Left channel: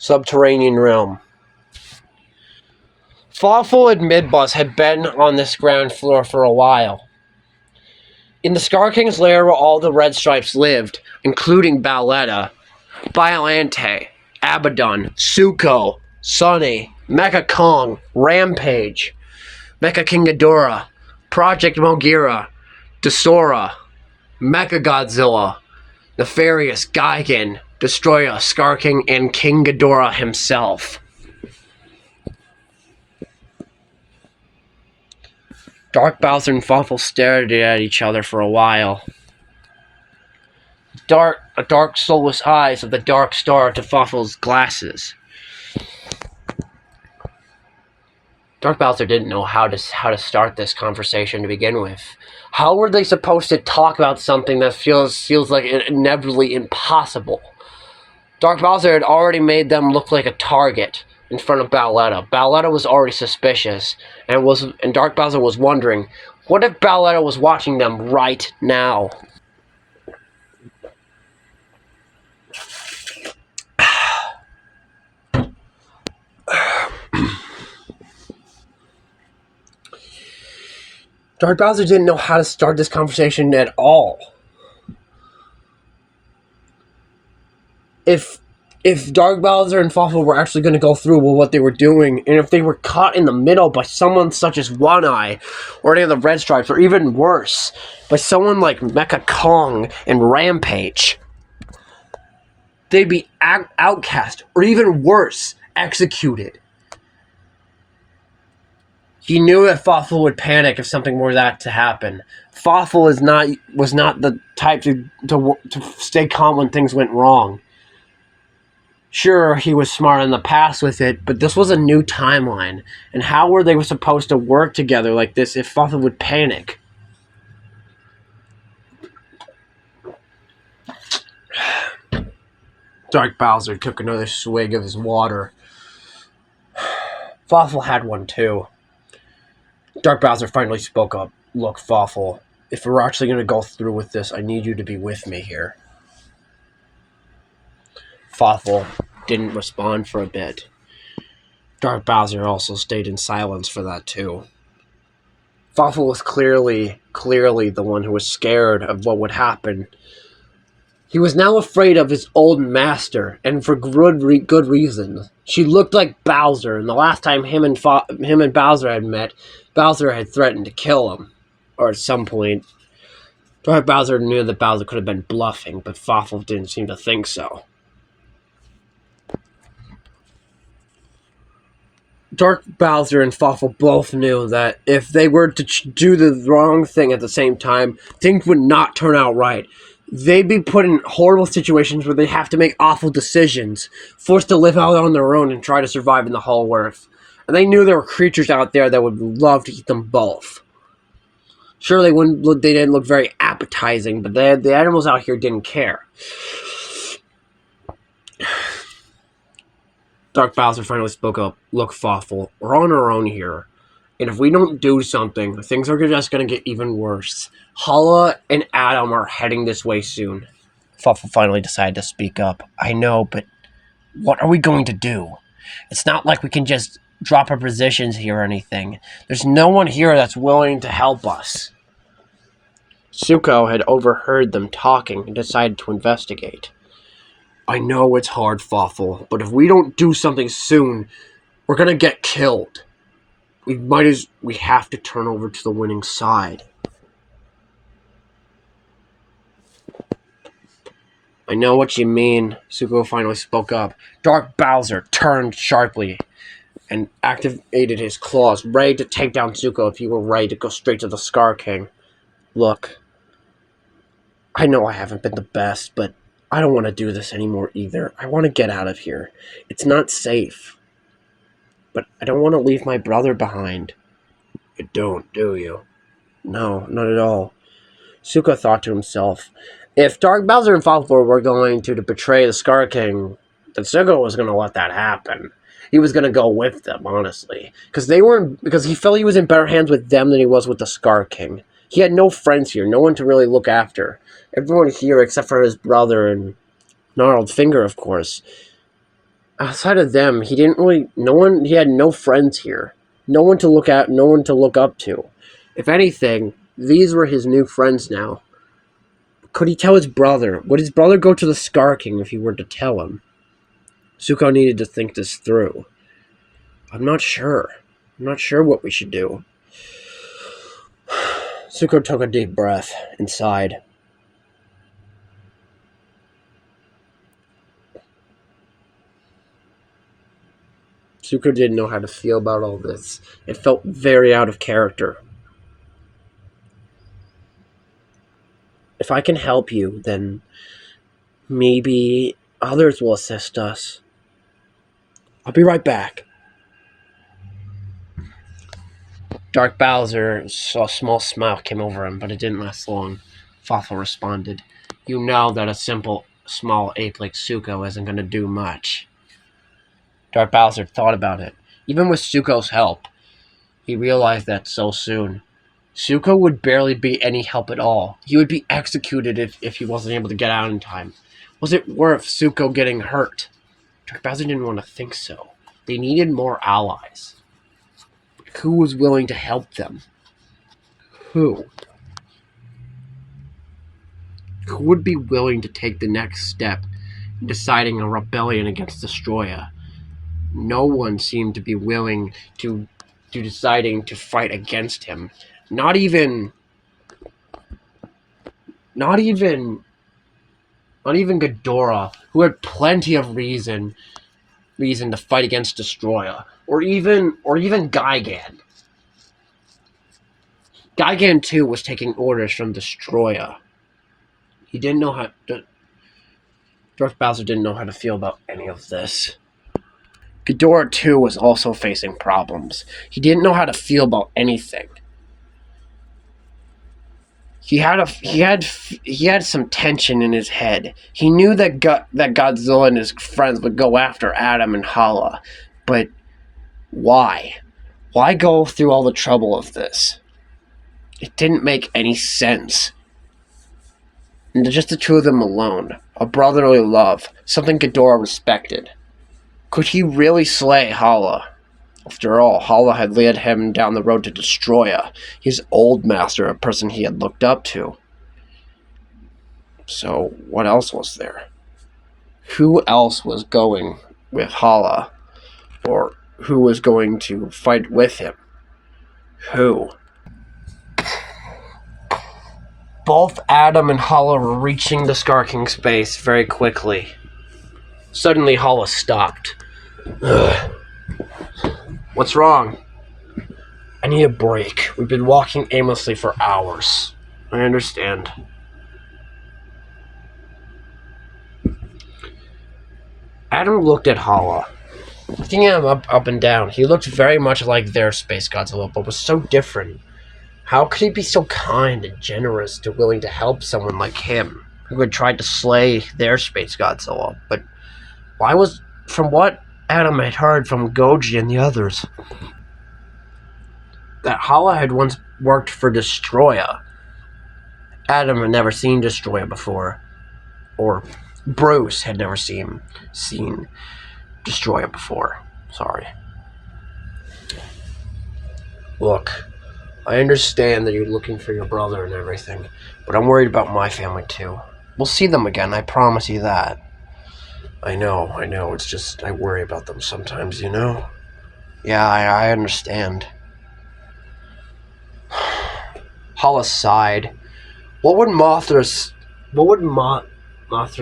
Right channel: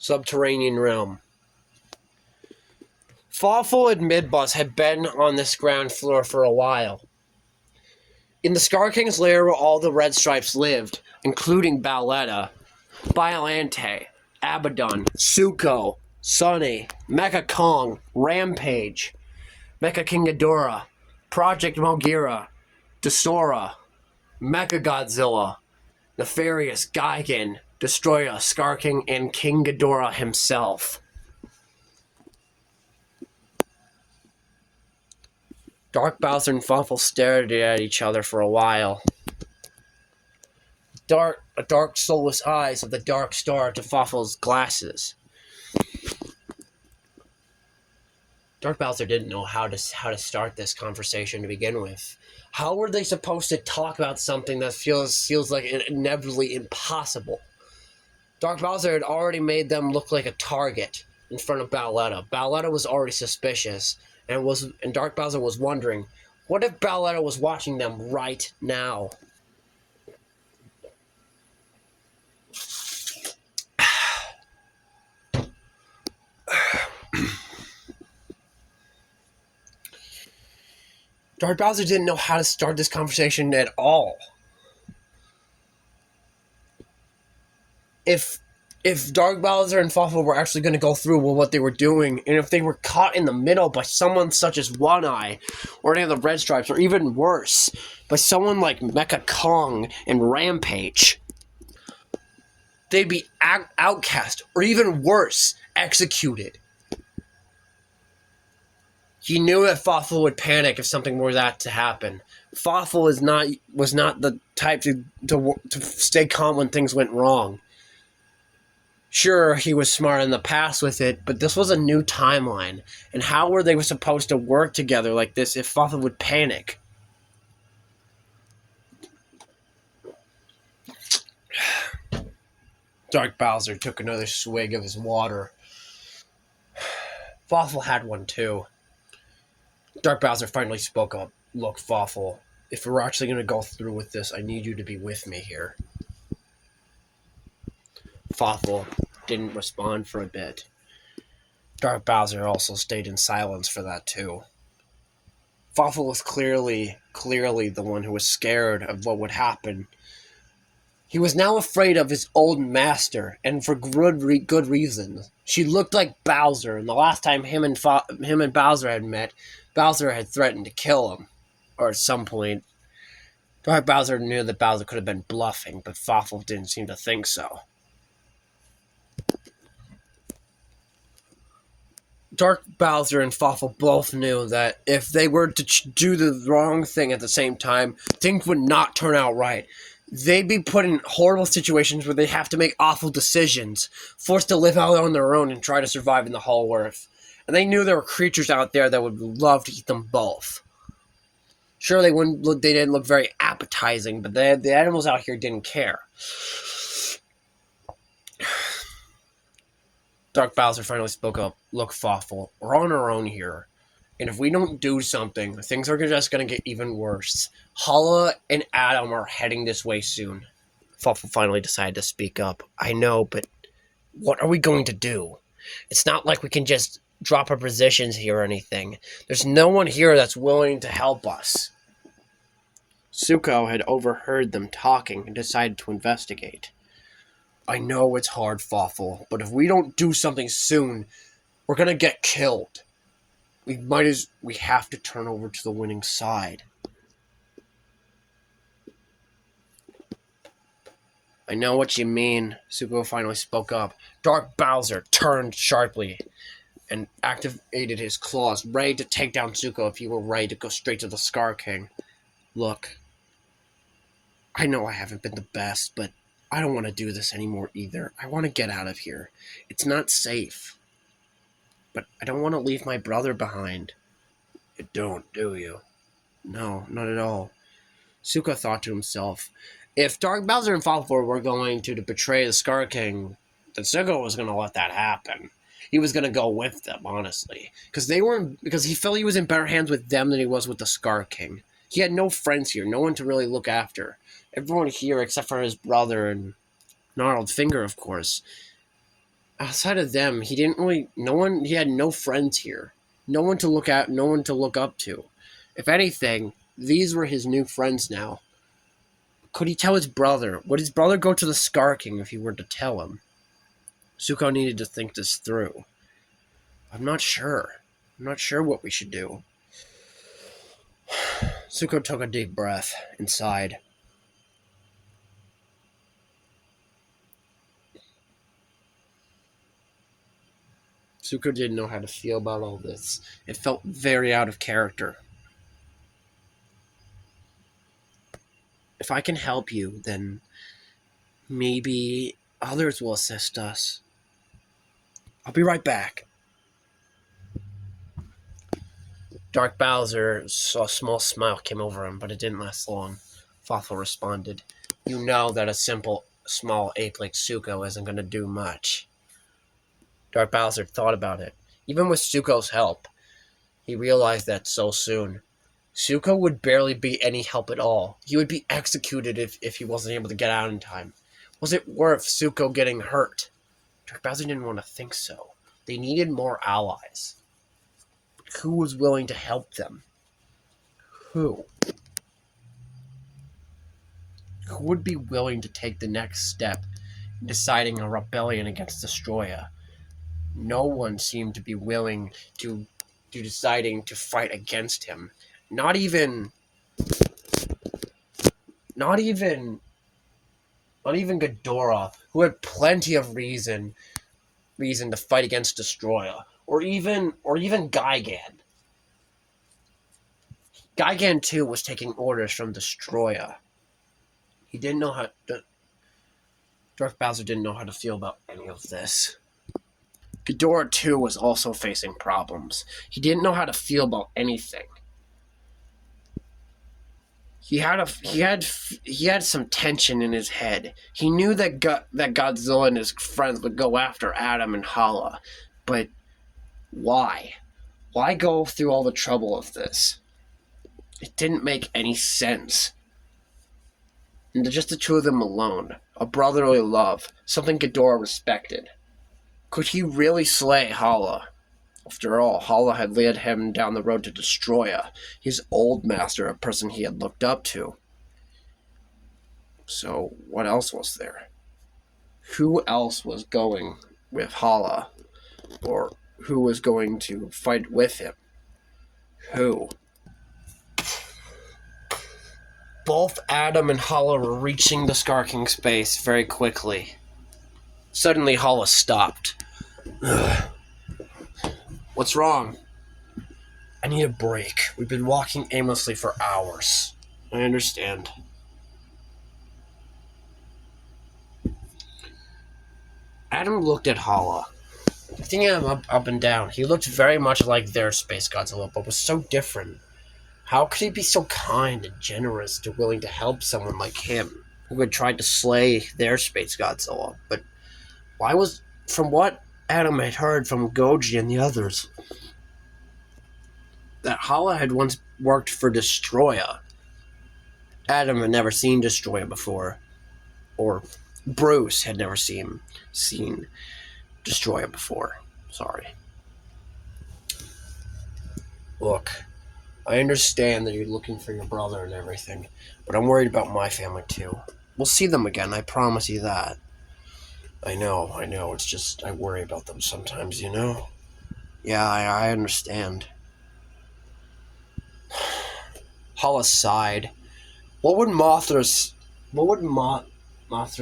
Subterranean realm. Fawful and Midbus had been on this ground floor for a while. In the Scar King's lair where all the Red Stripes lived, including Bowletta, Biolante, Abaddon, Suko, Sunny, Mecha Kong, Rampage, Mecha King Ghidorah, Project Mogira, Desora, Mecha Godzilla, Nefarious, Gigan, Destroyer, Scar King, and King Ghidorah himself. Dark Bowser and Fawful stared at each other for a while. Dark soulless eyes of the dark star to Fawful's glasses. Dark Bowser didn't know how to start this conversation to begin with. How were they supposed to talk about something that feels like inevitably impossible? Dark Bowser had already made them look like a target in front of Bowletta. Bowletta was already suspicious, and Dark Bowser was wondering, what if Bowletta was watching them right now? Dark Bowser didn't know how to start this conversation at all. If Dark Bowser and Fawful were actually going to go through with what they were doing, and if they were caught in the middle by someone such as One Eye, or any of the Red Stripes, or even worse, by someone like Mecha Kong and Rampage, they'd be outcast, or even worse, executed. He knew that Fawful would panic if something were that to happen. Fawful was not the type to stay calm when things went wrong. Sure, he was smart in the past with it, but this was a new timeline. And how were they supposed to work together like this if Fawful would panic? Dark Bowser took another swig of his water. Fawful had one too. Dark Bowser finally spoke up. Look, Fawful, if we're actually going to go through with this, I need you to be with me here. Fawful didn't respond for a bit. Dark Bowser also stayed in silence for that too. Fawful was clearly the one who was scared of what would happen. He was now afraid of his old master, and for good reason. She looked like Bowser, and the last time him and Bowser had met, Bowser had threatened to kill him. Or at some point. Dark Bowser knew that Bowser could have been bluffing, but Fawful didn't seem to think so. Dark Bowser and Fawful both knew that if they were to do the wrong thing at the same time, things would not turn out right. They'd be put in horrible situations where they have to make awful decisions, forced to live out on their own and try to survive in the whole earth. And they knew there were creatures out there that would love to eat them both. Sure, they didn't look very appetizing, but the animals out here didn't care. Dark Bowser finally spoke up. Look, Fawful, we're on our own here. And if we don't do something, things are just going to get even worse. Hala and Adam are heading this way soon. Fawful finally decided to speak up. I know, but what are we going to do? It's not like we can just drop our positions here or anything. There's no one here that's willing to help us. Suko had overheard them talking and decided to investigate. I know it's hard, Fawful, but if we don't do something soon, we're going to get killed. We have to turn over to the winning side. I know what you mean, Suko finally spoke up. Dark Bowser turned sharply and activated his claws, ready to take down Suko if he were ready to go straight to the Scar King. Look, I know I haven't been the best, but I don't want to do this anymore either. I want to get out of here. It's not safe. But I don't want to leave my brother behind. You don't, do you? No, not at all. Suko thought to himself, if Dark Bowser and Fawful were going to betray the Scar King, then Suko was going to let that happen. He was going to go with them, honestly. Because he felt he was in better hands with them than he was with the Scar King. He had no friends here, no one to really look after. Everyone here, except for his brother and Gnarled Finger, of course, outside of them, he didn't really. No one. He had no friends here. No one to look at. No one to look up to. If anything, these were his new friends now. Could he tell his brother? Would his brother go to the Scar King if he were to tell him? Zuko needed to think this through. I'm not sure. I'm not sure what we should do. Zuko took a deep breath and sighed. Zuko didn't know how to feel about all this. It felt very out of character. If I can help you, then maybe others will assist us. I'll be right back. Dark Bowser saw a small smile came over him, but it didn't last long. Fafo responded, You know that a simple, small ape like Zuko isn't going to do much. Dark Bowser thought about it. Even with Zuko's help, he realized that so soon. Zuko would barely be any help at all. He would be executed if he wasn't able to get out in time. Was it worth Zuko getting hurt? Dark Bowser didn't want to think so. They needed more allies. Who was willing to help them? Who? Who would be willing to take the next step in deciding a rebellion against Destroya? No one seemed to be willing to deciding to fight against him. Not even Ghidorah, who had plenty of reason to fight against Destroya, or even Gigan. Gigan too was taking orders from Destroya. He didn't know how. Dark Bowser didn't know how to feel about any of this. Ghidorah too was also facing problems. He didn't know how to feel about anything. He had some tension in his head. He knew that Godzilla and his friends would go after Adam and Hala, but why? Why go through all the trouble of this? It didn't make any sense. And just the two of them alone, a brotherly love, something Ghidorah respected. Could he really slay Hala? After all, Hala had led him down the road to Destroya, his old master, a person he had looked up to. So, what else was there? Who else was going with Hala? Or who was going to fight with him? Who? Both Adam and Hala were reaching the Scar King's base very quickly. Suddenly, Hala stopped. Ugh. What's wrong? I need a break. We've been walking aimlessly for hours. I understand. Adam looked at Hala. Looking at him up and down, he looked very much like their Space Godzilla, but was so different. How could he be so kind and generous to willing to help someone like him, who had tried to slay their Space Godzilla? But why was... From what Adam had heard from Goji and the others, that Hala had once worked for Destroya. Adam had never seen Destroya before, or Bruce had never seen Destroya before. Sorry. Look, I understand that you're looking for your brother and everything, but I'm worried about my family too. We'll see them again, I promise you that. I know, it's just I worry about them sometimes, you know? Yeah, I understand. Hala sighed. What would Mothra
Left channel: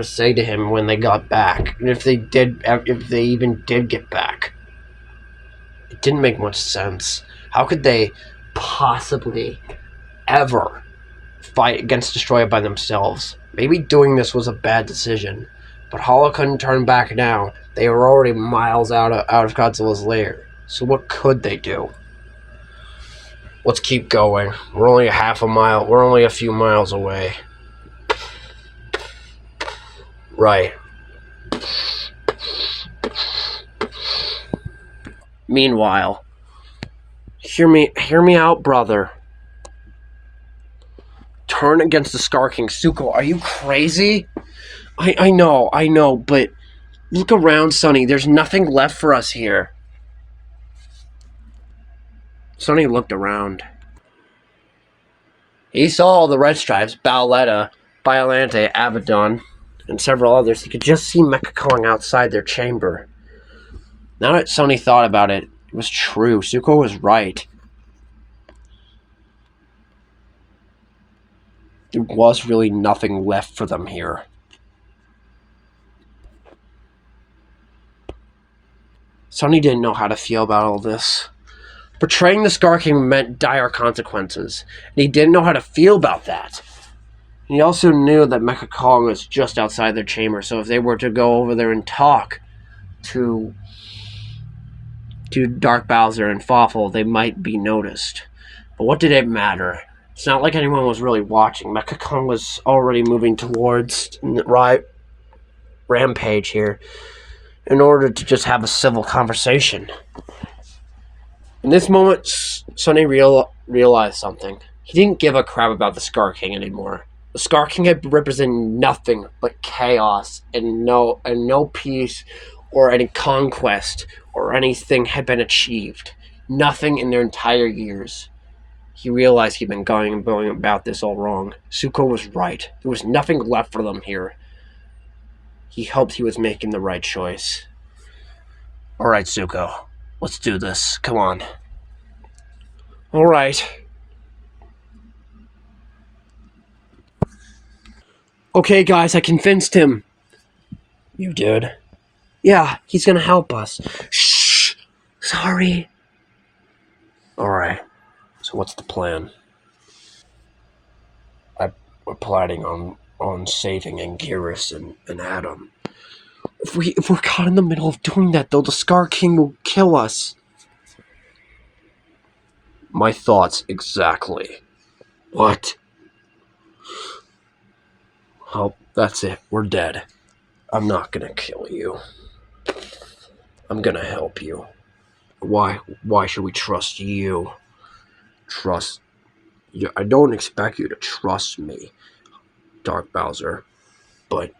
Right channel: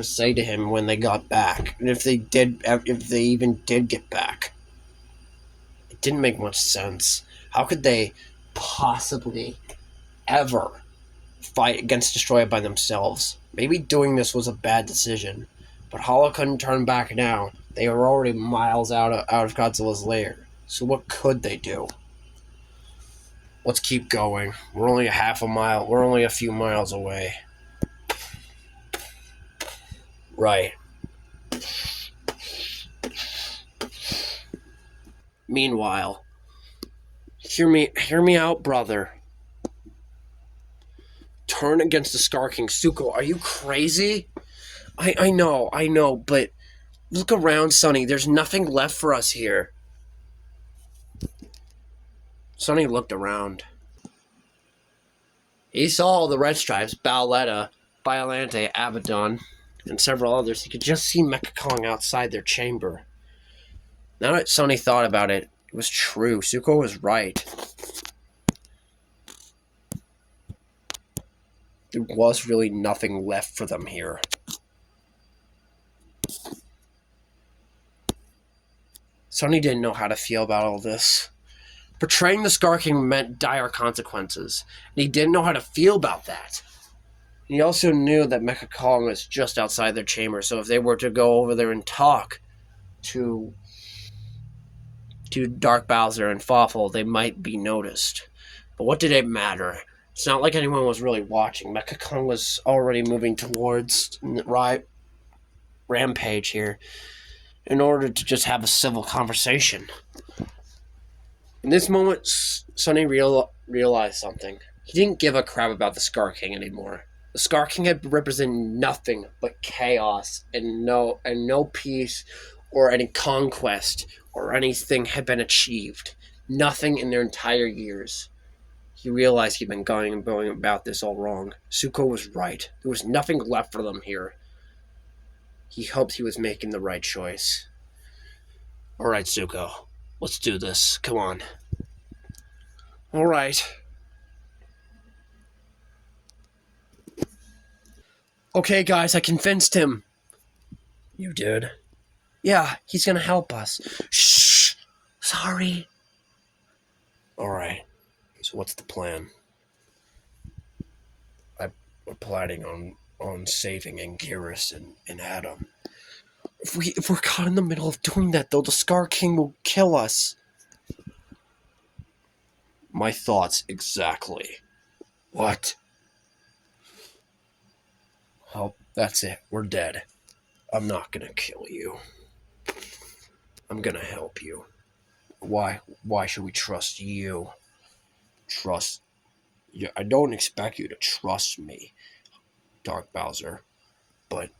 say to him when they got back? And if they even did get back? It didn't make much sense. How could they possibly ever fight against Destroya by themselves? Maybe doing this was a bad decision. But Hala couldn't turn back now. They were already miles out of Godzilla's lair. So what could they do? Let's keep going. We're only a few miles away. Right. Meanwhile, hear me out, brother. Turn against the Scar King. Zuko, are you crazy? I know, but Look around, Sonny. There's nothing left for us here. Sonny looked around. He saw the Red Stripes, Bowletta, Biolante, Abaddon, and several others. He could just see Mecha Kong outside their chamber. Now that Sonny thought about it, it was true. Zuko was right. There was really nothing left for them here. Sonny didn't know how to feel about all this. Betraying the Scar King meant dire consequences, and he didn't know how to feel about that. And he also knew that Mecha Kong was just outside their chamber, so if they were to go over there and talk to Dark Bowser and Fawful, they might be noticed. But what did it matter? It's not like anyone was really watching. Mecha Kong was already moving towards Rampage here in order to just have a civil conversation. In this moment, Sonny realized something. He didn't give a crap about the Scar King anymore. The Scar King had represented nothing but chaos and no peace or any conquest or anything had been achieved. Nothing in their entire years. He realized he'd been going about this all wrong. Zuko was right. There was nothing left for them here. He hoped he was making the right choice. All right, Zuko. Let's do this. Come on. All right. Okay, guys, I convinced him. You did? Yeah, he's gonna help us. Shh! Sorry. All right. So what's the plan? We're planning on saving Anguirus and Adam. If we're caught in the middle of doing that, though, the Scar King will kill us. My thoughts exactly. What? Oh, that's it. We're dead. I'm not gonna kill you. I'm gonna help you. Why should we trust you? Trust you. I don't expect you to trust me, Dark Bowser. But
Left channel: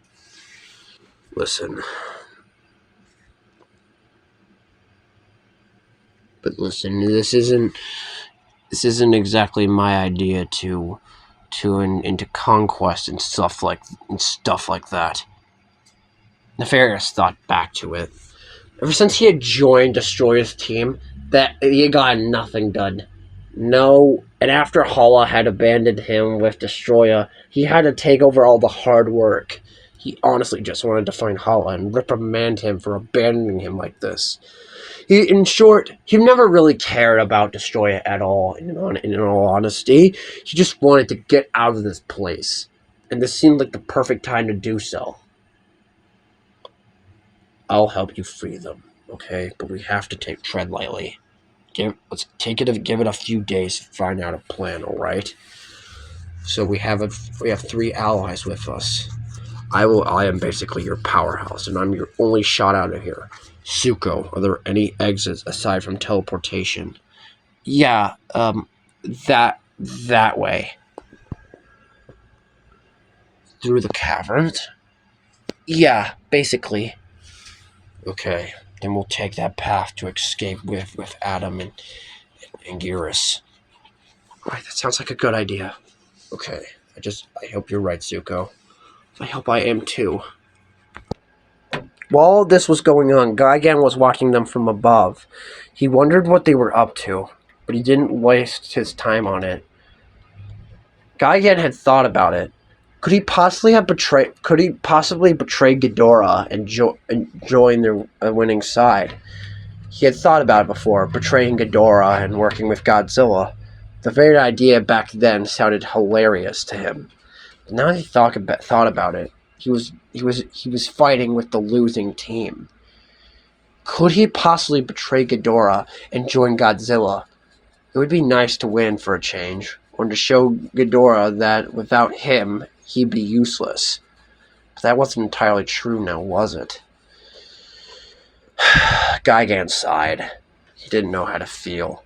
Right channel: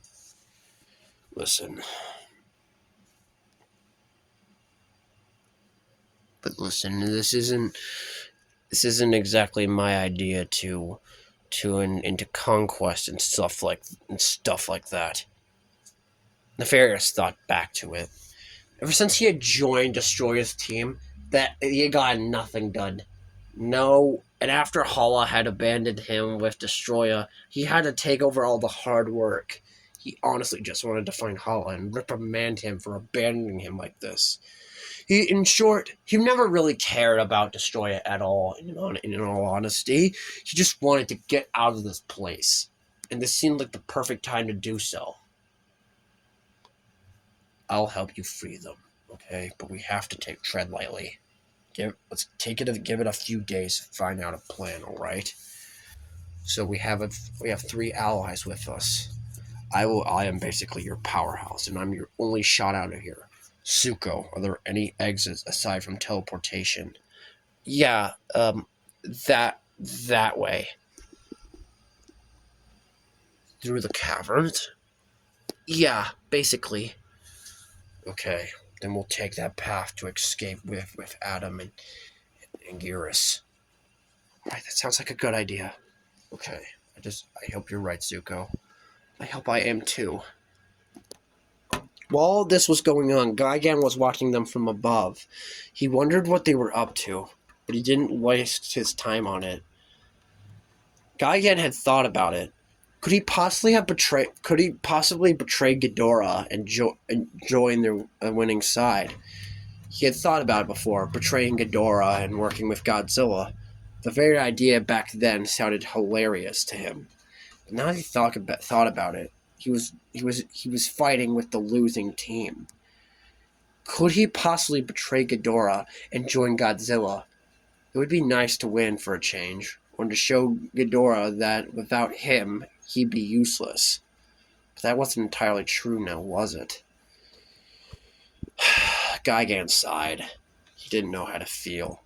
listen. This isn't exactly my idea to into conquest and stuff like that. Nefarious thought back to it. Ever since he had joined Destroyer's team, that he had gotten nothing done. No, and after Hala had abandoned him with Destroyer, he had to take over all the hard work. He honestly just wanted to find Hala and reprimand him for abandoning him like this. In short, he never really cared about Destroyer at all, in all honesty. He just wanted to get out of this place. And this seemed like the perfect time to do so. I'll help you free them, okay? But we have to tread lightly. Give it a few days to find out a plan, all right? So we have 3 allies with us. I am basically your powerhouse, and I'm your only shot out of here. Zuko, are there any exits aside from teleportation? Yeah, that way. Through the caverns? Yeah, basically. Okay, then we'll take that path to escape with Adam and Anguirus. Alright, that sounds like a good idea. Okay, I hope you're right, Zuko. I hope I am too. While all this was going on, Gigan was watching them from above. He wondered what they were up to, but he didn't waste his time on it. Gigan had thought about it. Could he possibly betray Ghidorah and join their winning side? He had thought about it before, betraying Ghidorah and working with Godzilla. The very idea back then sounded hilarious to him. But now that he thought about it, he was fighting with the losing team. Could he possibly betray Ghidorah and join Godzilla? It would be nice to win for a change, or to show Ghidorah that without him, he'd be useless. But that wasn't entirely true now, was it? Gigan sighed. He didn't know how to feel.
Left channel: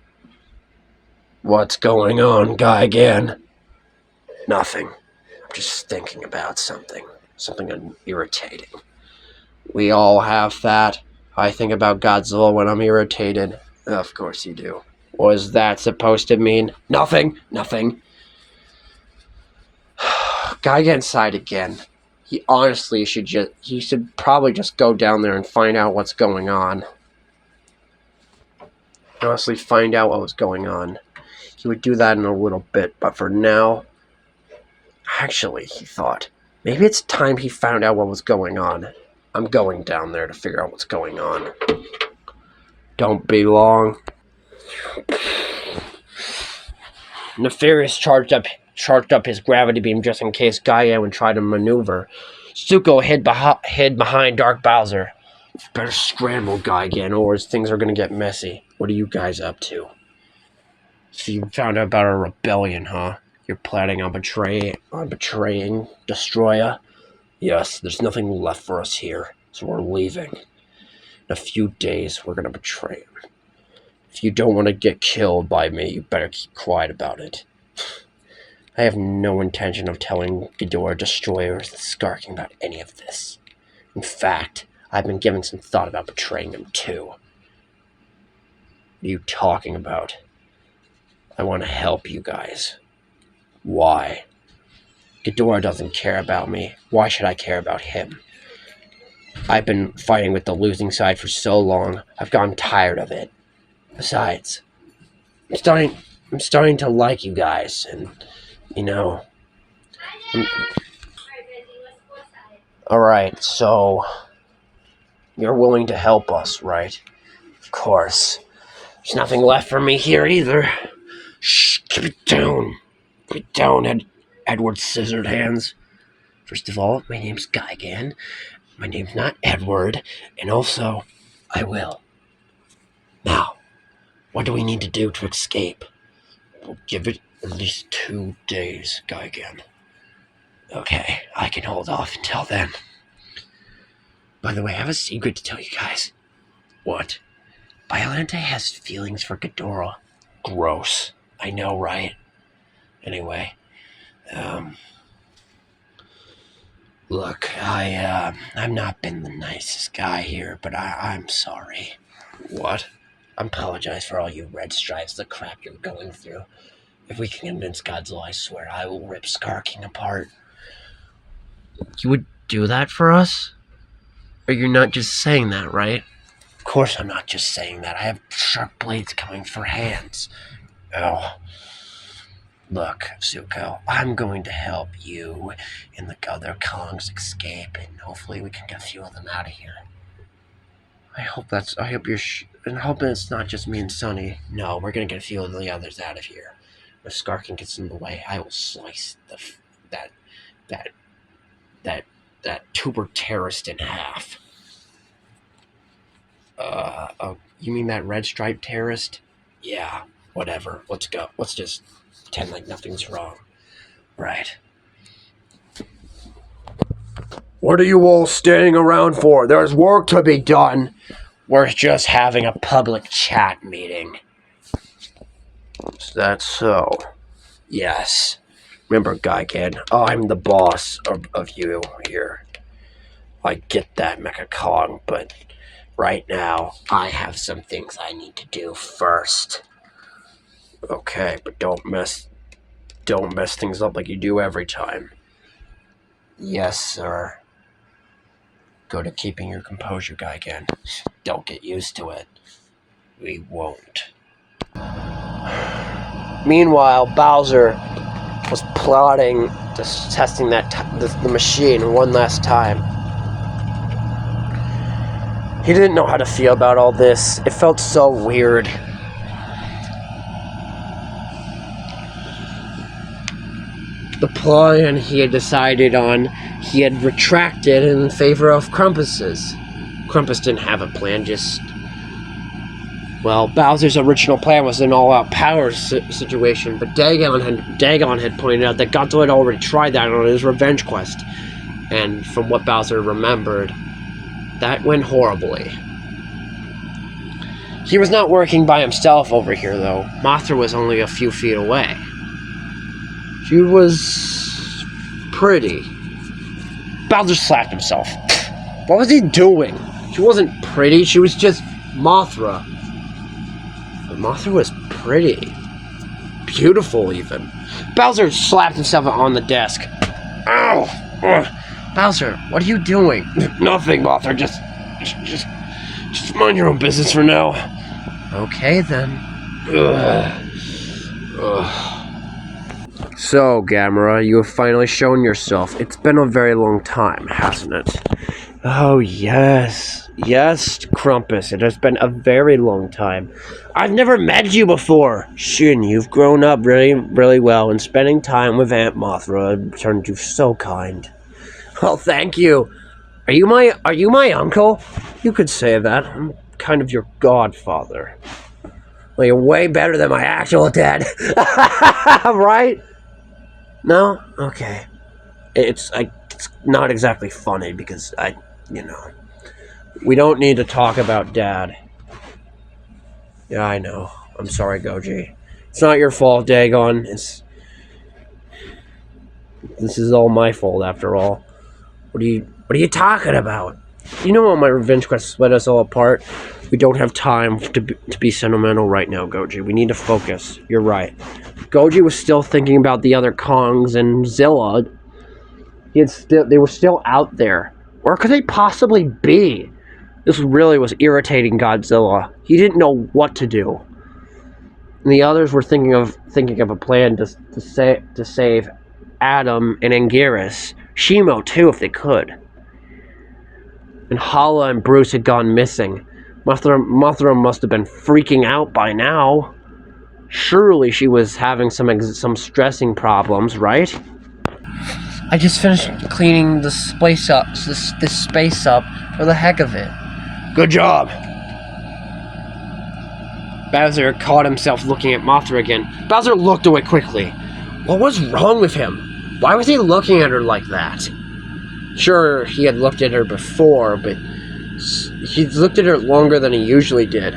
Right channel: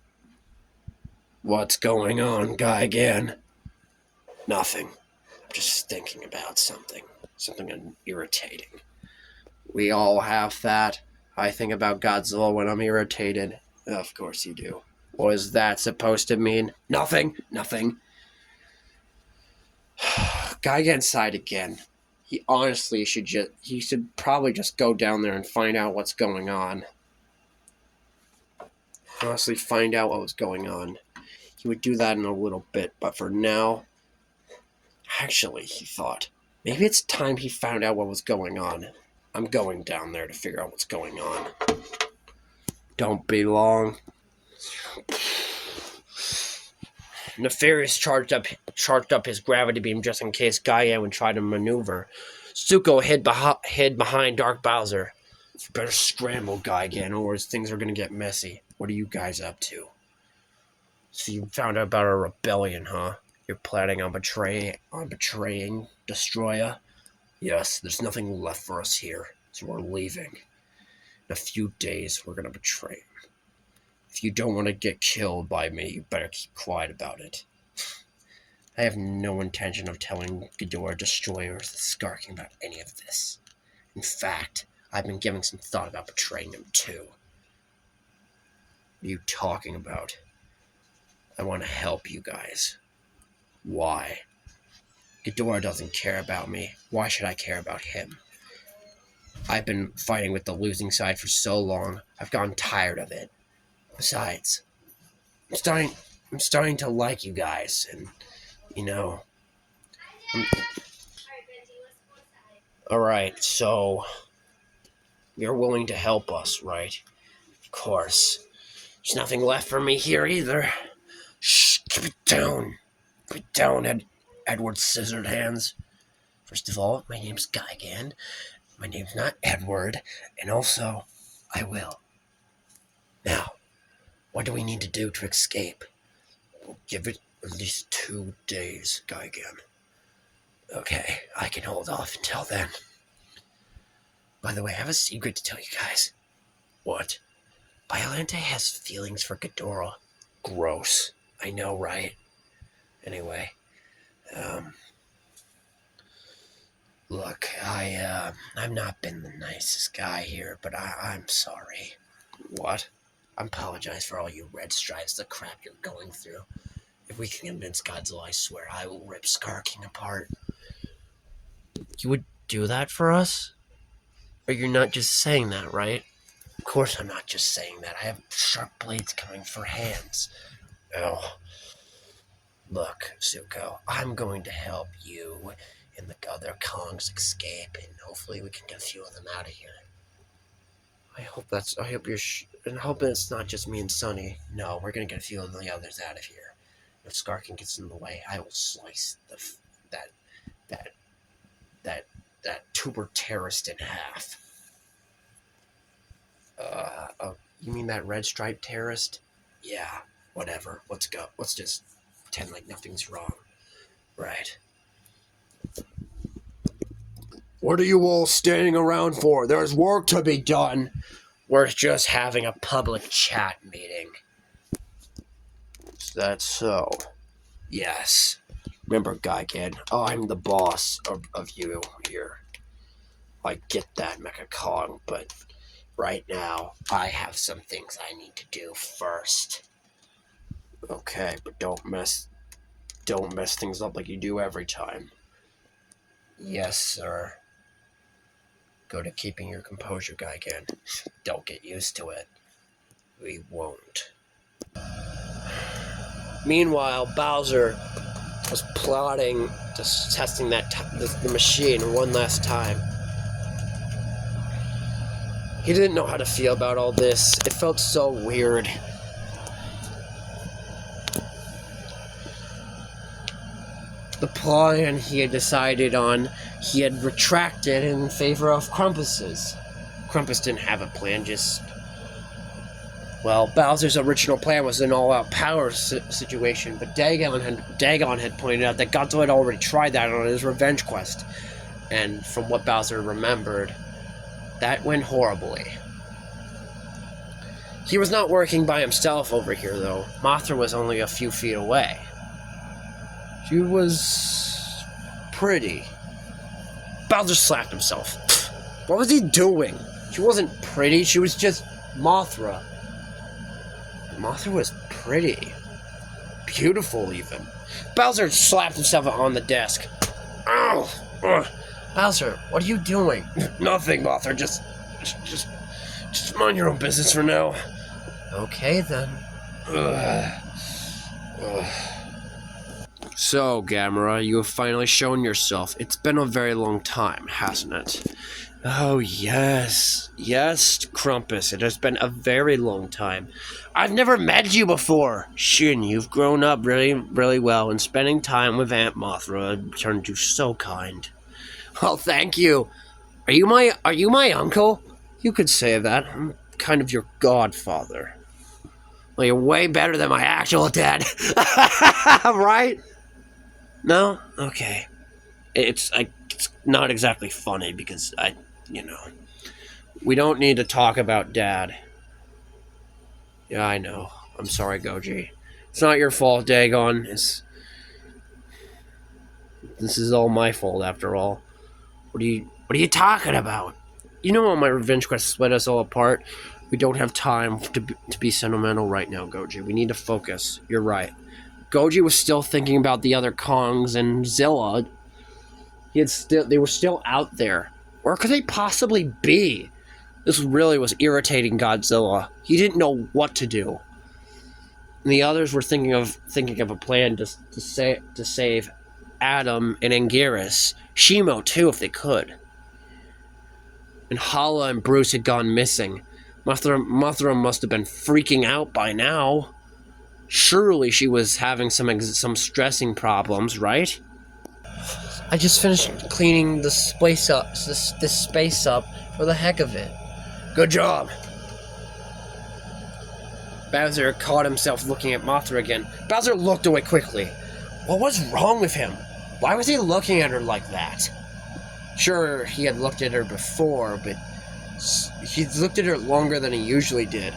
What's going on, Gigan? Nothing. I'm just thinking about something irritating. We all have that. I think about Godzilla when I'm irritated. Of course you do. What is that supposed to mean? Nothing. Nothing. Guy get inside again. He honestly should probably just go down there and find out what's going on. Honestly, find out what was going on. He would do that in a little bit, but for now, actually, he thought, maybe it's time he found out what was going on. I'm going down there to figure out what's going on. Don't be long. Nefarious charged up his gravity beam just in case Gaia would try to maneuver. Zuko hid behind Dark Bowser. Better scramble, Guy again, or things are gonna get messy. What are you guys up to? So you found out about a rebellion, huh? You're planning on betraying Destroya? Yes, there's nothing left for us here, so we're leaving. In a few days, we're gonna betray him. If you don't want to get killed by me, you better keep quiet about it. I have no intention of telling Ghidorah, Destroyer, or the Skarking about any of this. In fact, I've been giving some thought about betraying him too. What are you talking about? I want to help you guys. Why? Ghidorah doesn't care about me. Why should I care about him? I've been fighting with the losing side for so long, I've gotten tired of it. Besides, I'm starting to like you guys, and, you know... Alright, so... You're willing to help us, right? Of course. There's nothing left for me here either. Shh, keep it down. Keep it down, Edward Scissored Hands. First of all, my name's Gigan. My name's not Edward, and also, I will. Now, what do we need to do to escape? We'll give it at least 2 days, Gigan. Okay, I can hold off until then. By the way, I have a secret to tell you guys. What? Biollante has feelings for Ghidorah. Gross. I know, right? Anyway, look, I've not been the nicest guy here, but I'm sorry. What? I apologize for all you red stripes, the crap you're going through. If we can convince Godzilla, I swear I will rip Skarking apart. You would do that for us? Or you're not just saying that, right? Of course I'm not just saying that. I have sharp blades coming for hands. Oh. Look, Zuko, I'm going to help you and the other Kongs escape, and hopefully we can get a few of them out of here. I hope I'm hoping it's not just me and Sunny. No, we're gonna get a few of the others out of here. If Skarking gets in the way, I will slice that tuber terrorist in half. You mean that red stripe terrorist? Yeah, whatever. Let's go. Let's just pretend like nothing's wrong. Right. What are you all standing around for? There's work to be done. We're just having a public chat meeting. Is that so? Yes. Remember, Gigan, I'm the boss of you here. I get that, Mecha Kong, but right now, I have some things I need to do first. Okay, but don't mess things up like you do every time. Yes, sir. Go to keeping your composure, Gigan. Don't get used to it. We won't. Meanwhile, Bowser was plotting, just testing the machine one last time. He didn't know how to feel about all this. It felt so weird. The plan he had decided on, he had retracted in favor of Krampus's. Krampus didn't have a plan, well, Bowser's original plan was an all-out power situation, but Dagon had pointed out that Godzilla had already tried that on his revenge quest. And from what Bowser remembered, that went horribly. He was not working by himself over here, though. Mothra was only a few feet away. She was pretty. Bowser slapped himself. What was he doing? She wasn't pretty, she was just Mothra. But Mothra was pretty. Beautiful, even. Bowser slapped himself on the desk. Ow! Ugh. Bowser, what are you doing? Nothing, Mothra. Just mind your own business for now. Okay, then. So, Gamera, you have finally shown yourself. It's been a very long time, hasn't it? Oh, yes. Yes, Krampus, it has been a very long time. I've never met you before. Shin, you've grown up really, really well, and spending time with Aunt Mothra turned you so kind. Well, thank you. Are you my uncle? You could say that. I'm kind of your godfather. Well, you're way better than my actual dad. Right? No? Okay. It's not exactly funny because we don't need to talk about Dad. Yeah, I know. I'm sorry, Goji. It's not your fault, Dagon. This is all my fault, after all. What are you talking about? You know what, my revenge quest split us all apart? We don't have time to be sentimental right now, Goji. We need to focus. You're right. Goji was still thinking about the other Kongs and Zilla. They were still out there. Where could they possibly be? This really was irritating Godzilla. He didn't know what to do. And the others were thinking of a plan to save Adam and Anguirus. Shimo too, if they could. And Hala and Bruce had gone missing. Mothra must have been freaking out by now. Surely she was having some stressing problems, right? I just finished cleaning this space up for the heck of it. Good job. Bowser caught himself looking at Mothra again. Bowser looked away quickly. What was wrong with him? Why was he looking at her like that? Sure, he had looked at her before, but he looked at her longer than he usually did.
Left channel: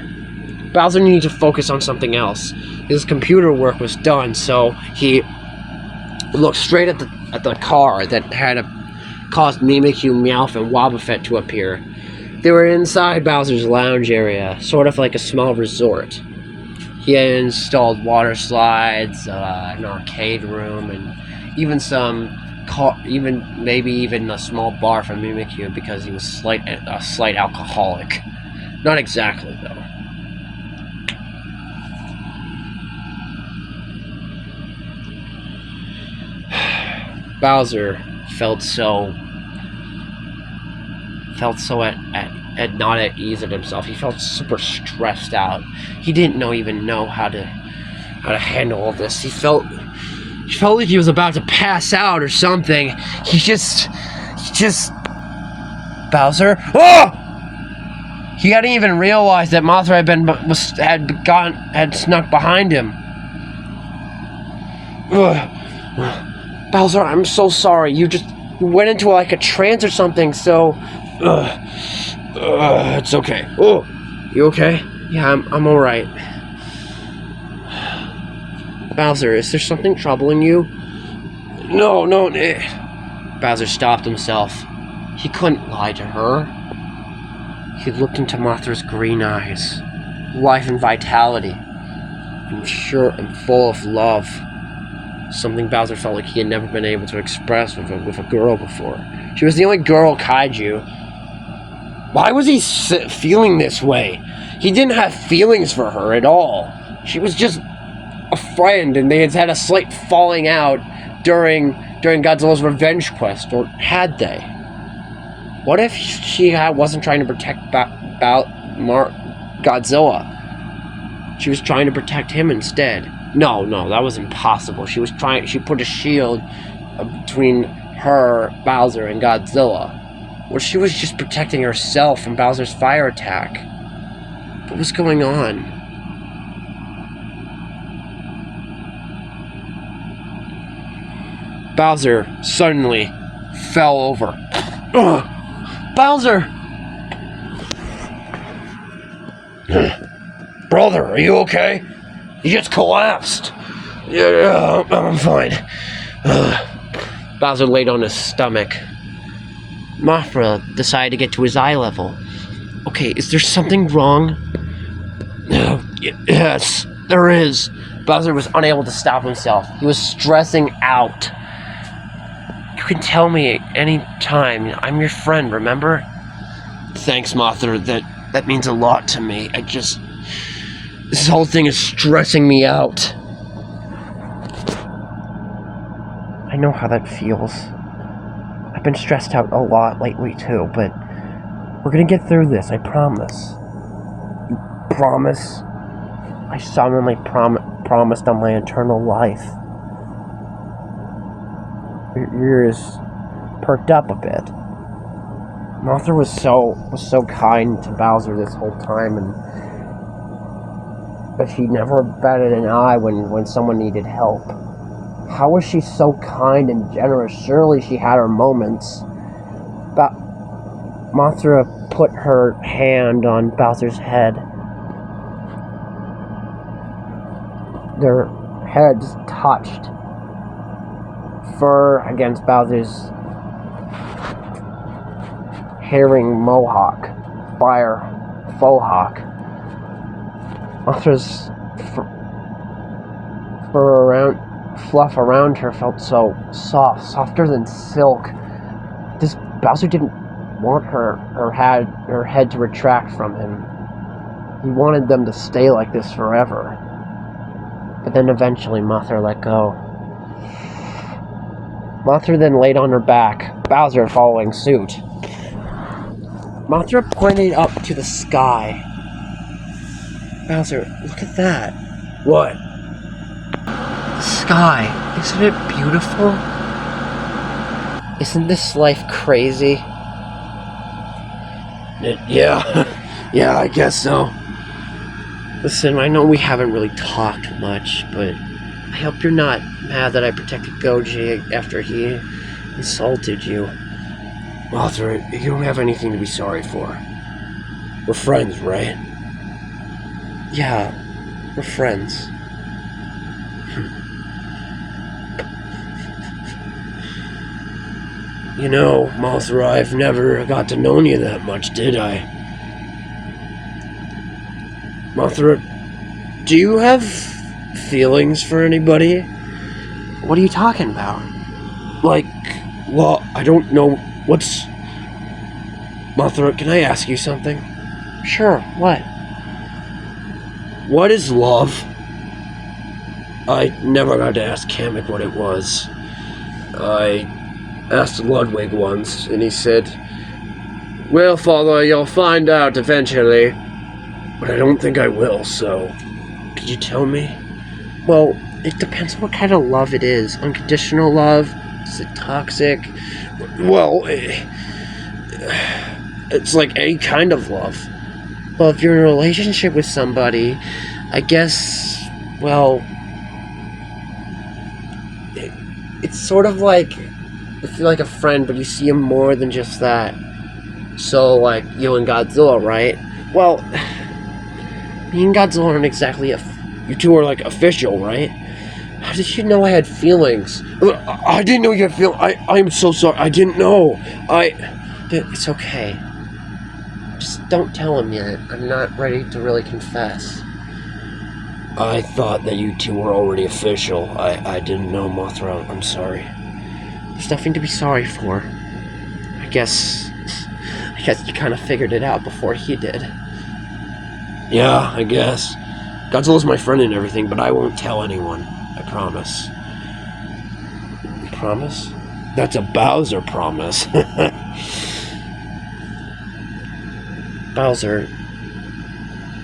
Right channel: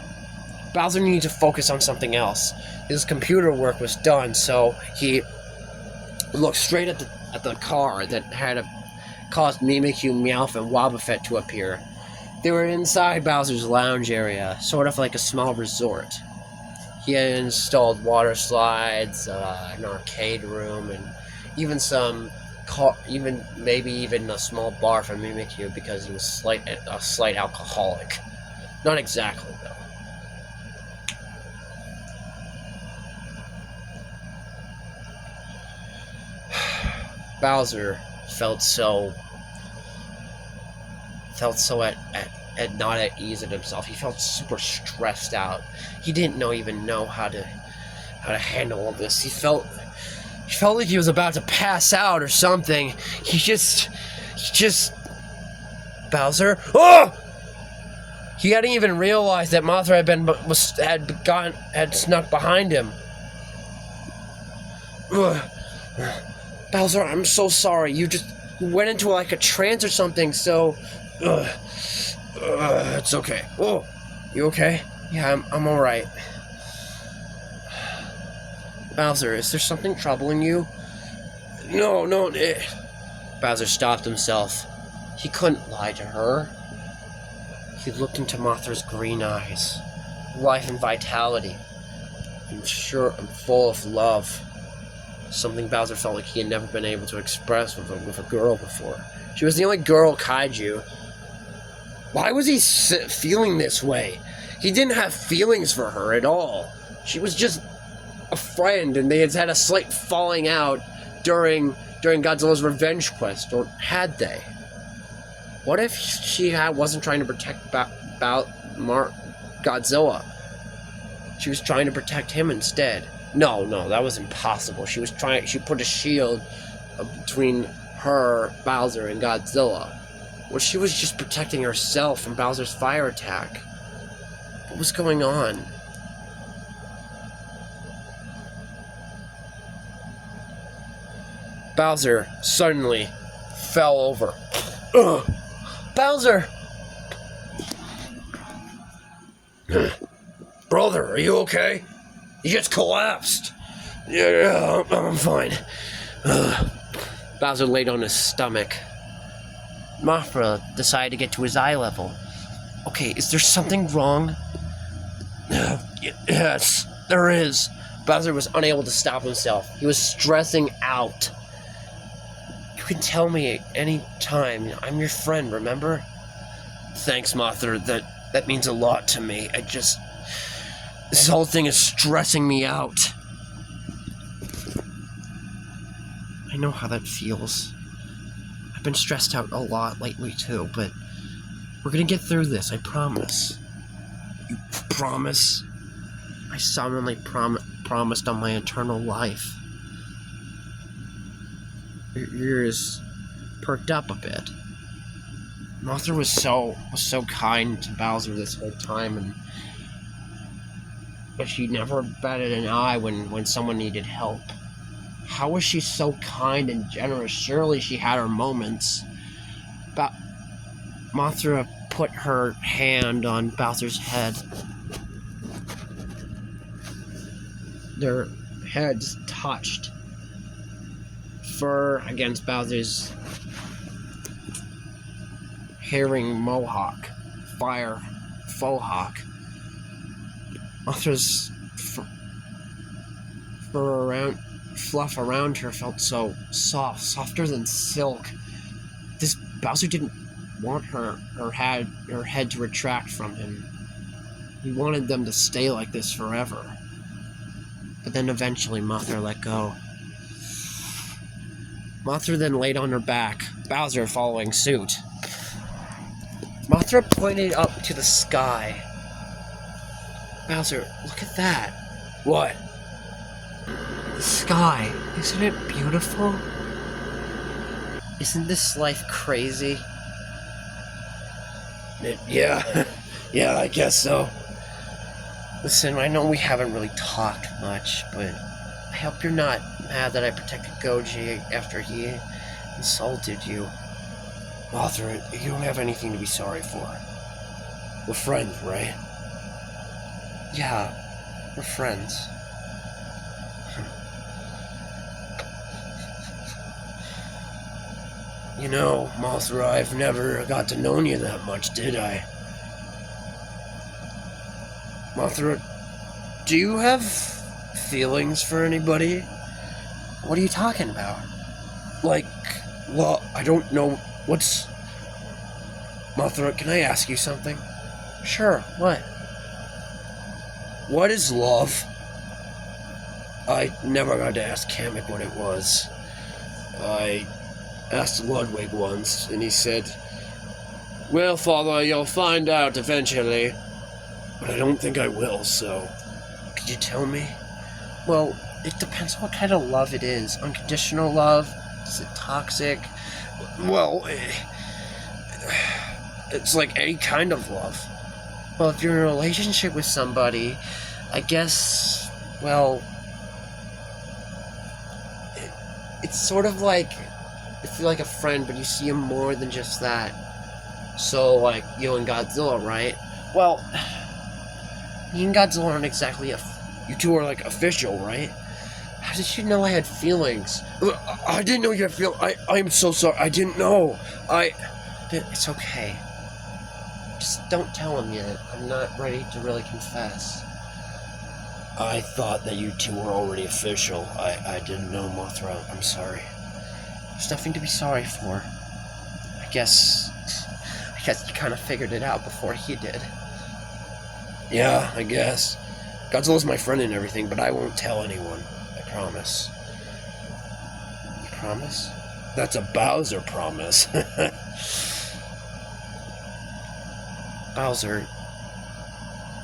Bowser needed to focus on something else. His computer work was done, so he looked straight at the car that had caused Mimikyu, Meowth, and Wobbuffet to appear. They were inside Bowser's lounge area, sort of like a small resort. He had installed water slides, an arcade room, and even maybe even a small bar for Mimikyu because he was a slight alcoholic. Not exactly, though. Bowser felt so not at ease in himself. He felt super stressed out. He didn't even know how to handle all this. He felt like he was about to pass out or something. He just Bowser. Oh! He hadn't even realized that Mothra had snuck behind him. Ugh. Bowser, I'm so sorry. You went into like a trance or something. So, it's okay. Oh, you okay? Yeah, I'm all right. Bowser, is there something troubling you? No. Bowser stopped himself. He couldn't lie to her. He looked into Mothra's green eyes, life and vitality, and sure and full of love. Something Bowser felt like he had never been able to express with a girl before. She was the only girl Kaiju. Why was he feeling this way? He didn't have feelings for her at all. She was just a friend, and they had a slight falling out during Godzilla's revenge quest, or had they? What if she wasn't trying to protect Godzilla? She was trying to protect him instead. No, that was impossible. She put a shield between her, Bowser, and Godzilla. Well, she was just protecting herself from Bowser's fire attack. What was going on? Bowser suddenly fell over. Ugh! Bowser! Brother, are you okay? You just collapsed. Yeah, I'm fine. Bowser laid on his stomach. Mothra decided to get to his eye level. Okay, is there something wrong? Yes, there is. Bowser was unable to stop himself. He was stressing out. You can tell me any time. I'm your friend, remember? Thanks, Mothra. That means a lot to me. This whole thing is stressing me out. I know how that feels. I've been stressed out a lot lately too, but we're gonna get through this, I promise. You promise? I solemnly promised on my eternal life. Your ears perked up a bit. Mothra was so kind to Bowser this whole time, but she never batted an eye when someone needed help. How was she so kind and generous? Surely she had her moments. Mothra put her hand on Bowser's head. Their heads touched. Fur against Bowser's herring mohawk, fire faux hawk. Mothra's fluff around her felt so soft, softer than silk. This Bowser didn't want her head to retract from him. He wanted them to stay like this forever. But then eventually Mothra let go. Mothra then laid on her back, Bowser following suit. Mothra pointed up to the sky. Bowser, look at that. What? The sky. Isn't it beautiful? Isn't this life crazy? Yeah. Yeah, I guess so. Listen, I know we haven't really talked much, but I hope you're not mad that I protected Goji after he insulted you. Mothra, you don't have anything to be sorry for. We're friends, right? Yeah, we're friends. You know, Mothra, I've never got to know you that much, did I? Mothra, do you have feelings for anybody? What are you talking about? Well, I don't know what's... Mothra, can I ask you something? Sure, what? What is love? I never got to ask Kamek what it was. I asked Ludwig once, and he said, "Well, Father, you'll find out eventually." But I don't think I will, so... Could you tell me? Well, it depends on what kind of love it is. Unconditional love? Is it toxic? Well, it's like any kind of love. Well, if you're in a relationship with somebody, I guess, well... It's sort of like... If you're like a friend, but you see him more than just that. So, like, you and Godzilla, right? Well... Me and Godzilla aren't exactly you two are like official, right? How did you know I had feelings? I didn't know you had feelings. I'm so sorry. I didn't know. It's okay. Just don't tell him yet. I'm not ready to really confess. I thought that you two were already official. I didn't know, Mothra. I'm sorry. There's nothing to be sorry for. I guess you kind of figured it out before he did. Yeah, I guess. Godzilla's my friend and everything, but I won't tell anyone. I promise. You promise? That's a Bowser promise. Bowser,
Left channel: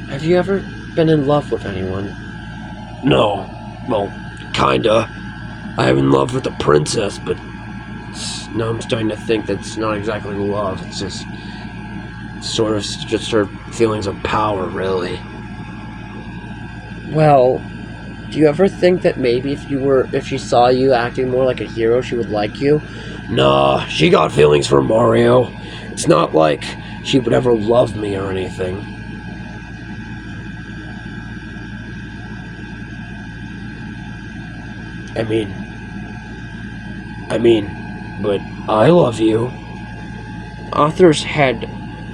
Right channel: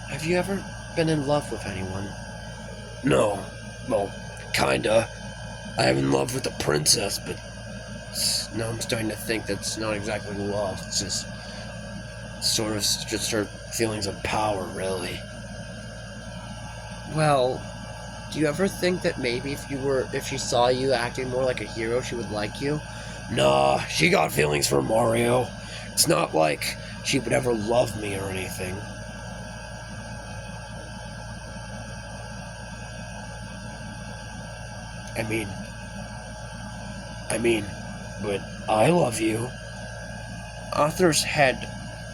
have you ever been in love with anyone? No. Well, kinda. I'm in love with a princess, but now I'm starting to think that's not exactly love. It's just her feelings of power, really. Well, do you ever think that maybe if she saw you acting more like a hero, she would like you? Nah, she got feelings for Mario. It's not like she would ever love me or anything. I mean, but I love you. Mothra's head,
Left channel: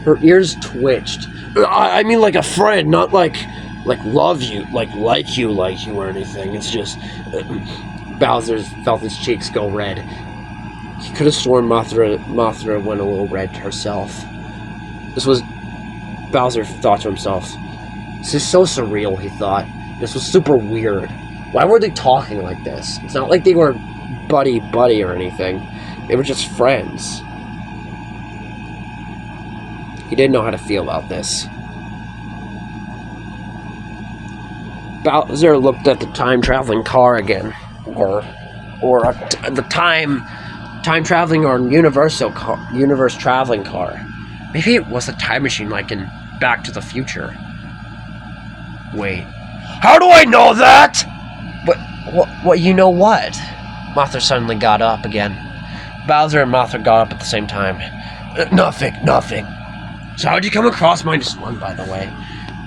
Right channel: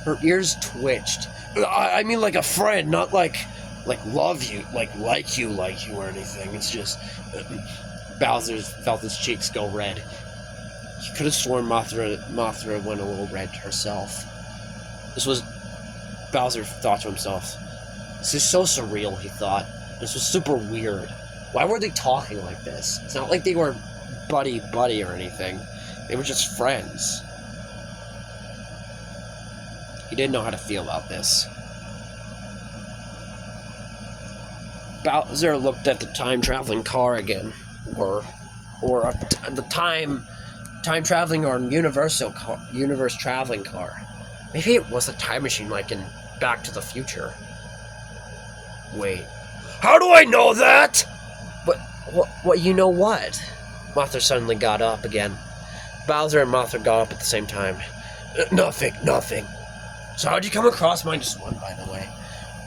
her ears twitched. I mean like a friend, not like love you, like you or anything. It's just Bowser felt his cheeks go red. He could have sworn Mothra went a little red herself. Bowser thought to himself, this is so surreal, he thought. This was super weird. Why were they talking like this? It's not like they were buddy or anything. They were just friends. He didn't know how to feel about this. Bowser looked at the time-traveling car again. Or the time-traveling or universe-traveling car. Maybe it was a time machine like in Back to the Future. Wait. How do I know that? What you know what? Mothra suddenly got up again. Bowser and Mothra got up at the same time. Nothing. So how'd you come across -1, by the way?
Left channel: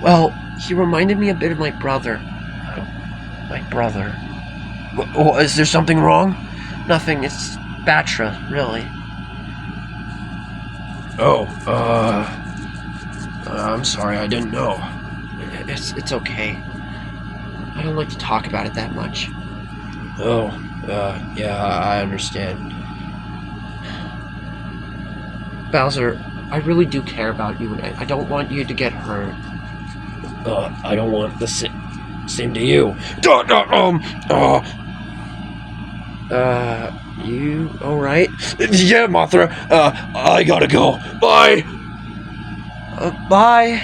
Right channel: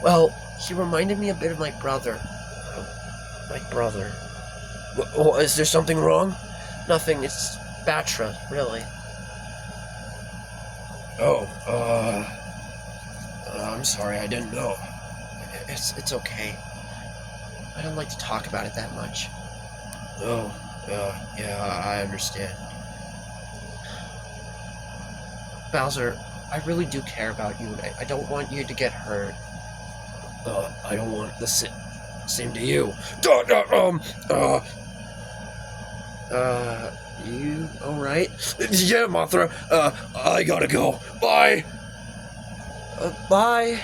Well, he reminded me a bit of my brother. My brother. Is there something wrong? Nothing, it's Batra, really. Oh, I'm sorry, I didn't know. It's okay. I don't like to talk about it that much. Oh, yeah, I understand. Bowser, I really do care about you, and I don't want you to get hurt. I don't want the same to you. You alright? Yeah, Mothra, I gotta go. Bye! Bye.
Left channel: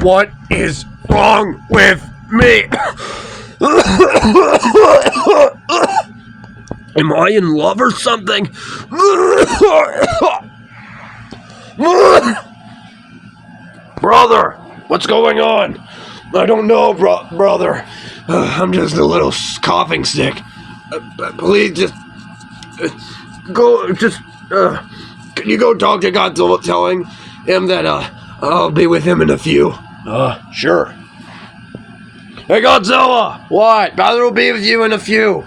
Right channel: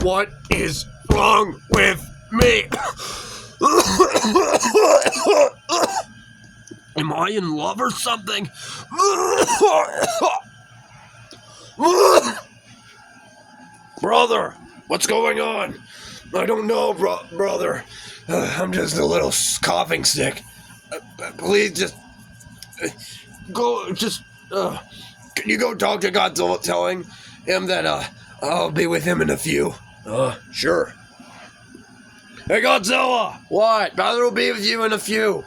What is wrong with me? Am I in love or something? Brother, what's going on? I don't know, brother. I'm just a little coughing sick. Please, just go. Can you go talk to Godzilla, telling him that I'll be with him in a few? Sure. Hey, Godzilla! What? Bowser will be with you in a few.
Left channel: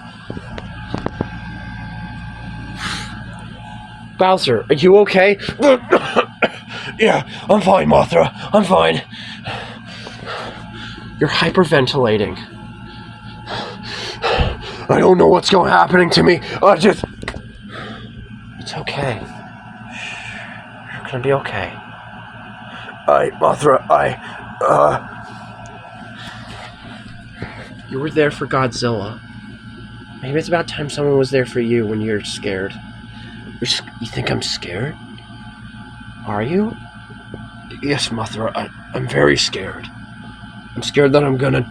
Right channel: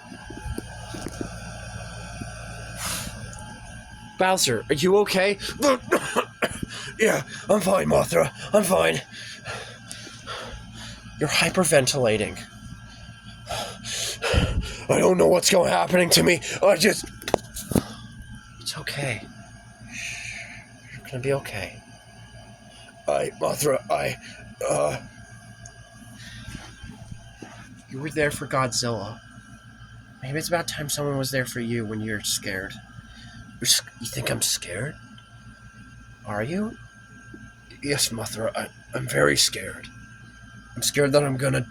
Bowser, are you okay? Yeah, I'm fine, Mothra. I'm fine. You're hyperventilating. I don't know what's happening to me. It's okay. You're gonna be okay. Mothra, you were there for Godzilla. Maybe it's about time someone was there for you when you're scared. You think I'm scared? Are you? Yes, Mothra, I'm very scared. I'm scared that I'm gonna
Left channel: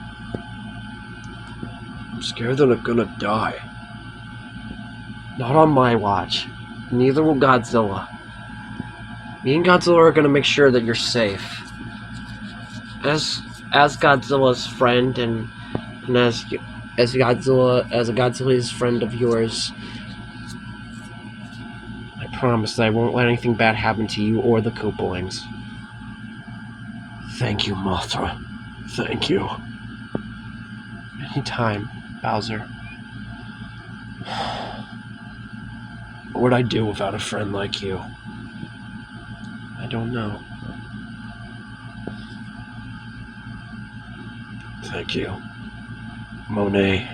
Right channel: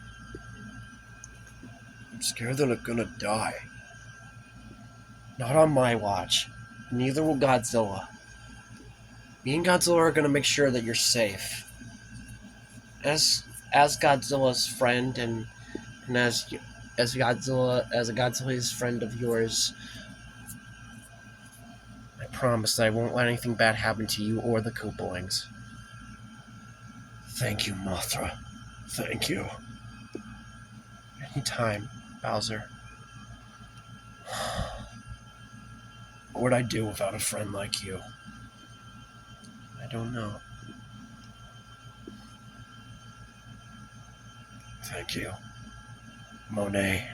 die. Not on my watch. Neither will Godzilla. Me and Godzilla are gonna make sure that you're safe. As Godzilla's friend and as Godzilla's friend of yours, I promise that I won't let anything bad happen to you or the Koopalings. Thank you, Mothra. Thank you. Anytime, Bowser. What would I do without a friend like you? I don't know. Thank you, Monet.